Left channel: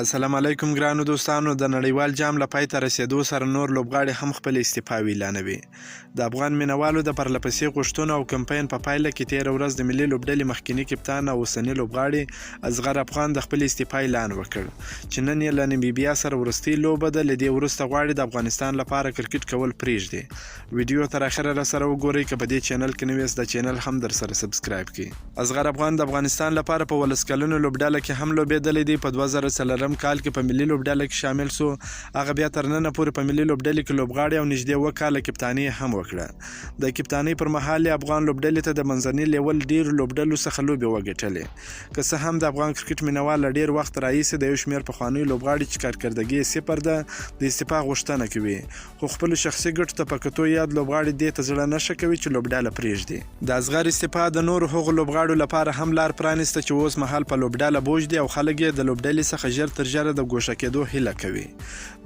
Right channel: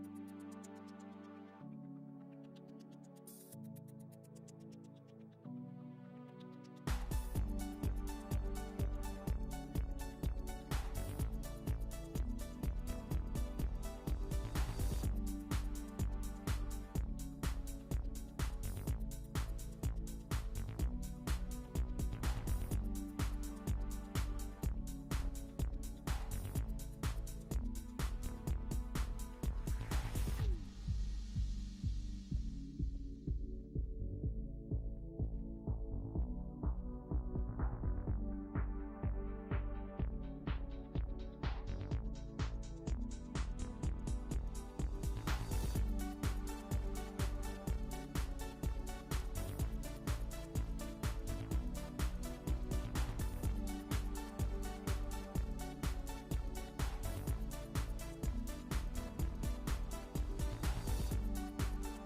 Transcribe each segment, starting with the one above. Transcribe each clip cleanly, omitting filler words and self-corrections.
السلام علیکم ګرانو دوستانو. د نړیوال جام له پای ته رسیدو سره نور لوبغاړي هم خپل استفا اعلانوي. د افغان مینوالو د پرلپسې غوښتنو او کمپاین په پایله کې تېره ورځ د ملي لوبډلې مخکینی کپتان او اوسني لوبغاړي اصغر افغان د خپل استفا اعلان وکړ چې نن یې له نمیبیا سره وروستۍ لوبه ده. له دې وروسته غواړي د افغانستان لپاره کرکټ کول پرېږدي. ویډیو تر اخره راسره وګورئ. که په دې چینل کې نوی یاست د چینل هم در سره سبسکرایب کړئ. اصغر افغان د افغانستان لپاره په 12 کلنو لوبډله کې هم لوبېدلی دی. په 2004 کال کې په ملي لوبډله کې شامل سو. هغه بیا تر ننه پورې په ملي لوبډلې کې لوبغاړي او نږدې 2 کاله کپتاني هم وکړه. د کپتانۍ پر مهال افغان لوبډلې ته د منځني لیول ډېرو لوبډلو څخه لوبې وګټلې. که څه هم د افغان کرکټ مینوال له ډېر وخت راهیسې د یو شمېر پخوانیو لوبغاړي چې کارکردګي یې صفر ده د استفا غوښتنه کوي، خو خپلو شخصي ګټو ته په کتو یاد لوبغاړي دې ته زړه نه ښه کوي چې لوبډله پرېږدي. د اصغر استفا د نورو هغو لوبغاړو لپاره هم لار پرانیسته چې اوس مهال په لوبډله بوج دي او خلک یې د لوبډلې څخه ژر تر ژره د ګوښه کېدو هیله کوي.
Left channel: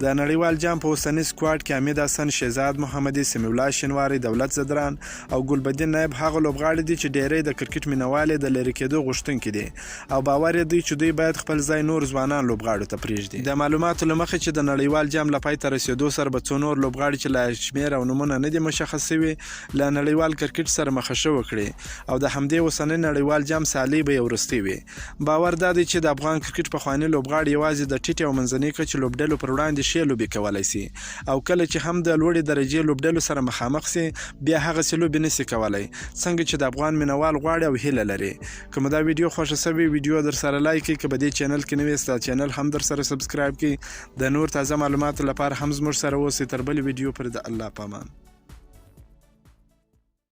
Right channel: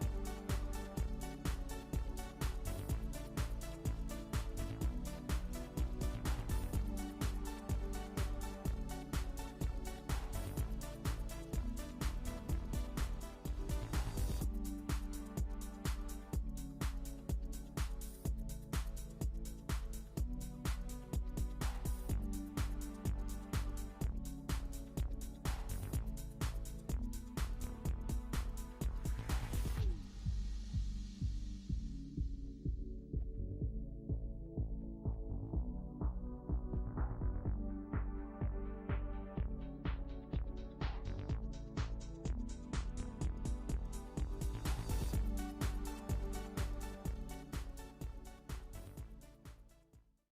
د نړیوال جام په اوسني سکواډ کې حمید حسن، شهزاد محمدي، سمیع الله شینواري، دولت زدران او ګلبدین نایب هغه لوبغاړي دي چې ډېری د کرکټ مینوال د لرې کېدو غوښتونکي دي او باور یې دی چې دوی باید خپل ځای نور ځوانان لوبغاړو ته پرېږدي. د معلوماتو له مخې چې د نړیوال جام له پای ته رسېدو سره به څو نور لوبغاړي چې لا شمېر او نومونه نه دي مشخص شوي له نړیوال کرکټ سره مخه وکړي او د همدې اوسني نړیوال جام سیالۍ به یې وروستۍ وي. باور دا دی چې د افغان کرکټ پخواني لوبغاړي یوازې د ټیټې او منځنۍ کچې لوبډلو پر وړاندې ښې لوبې کولی سي او کله چې هم د لوړې درجې لوبډلو سره مخامخ سي بیا هغسې لوبې نه سي کولی څنګه چې د افغان مینوال غواړي او هیله لري. که مو دا ویډیو خوښه سوې ویډیو در سره لایک کړئ. که په دې چینل کې نوی یاست د چینل هم در سره سبسکرایب کړئ. د نور تازه معلوماتو لپاره هم زموږ سره اوسئ. تر بلې ویډیو پورې د الله په امان.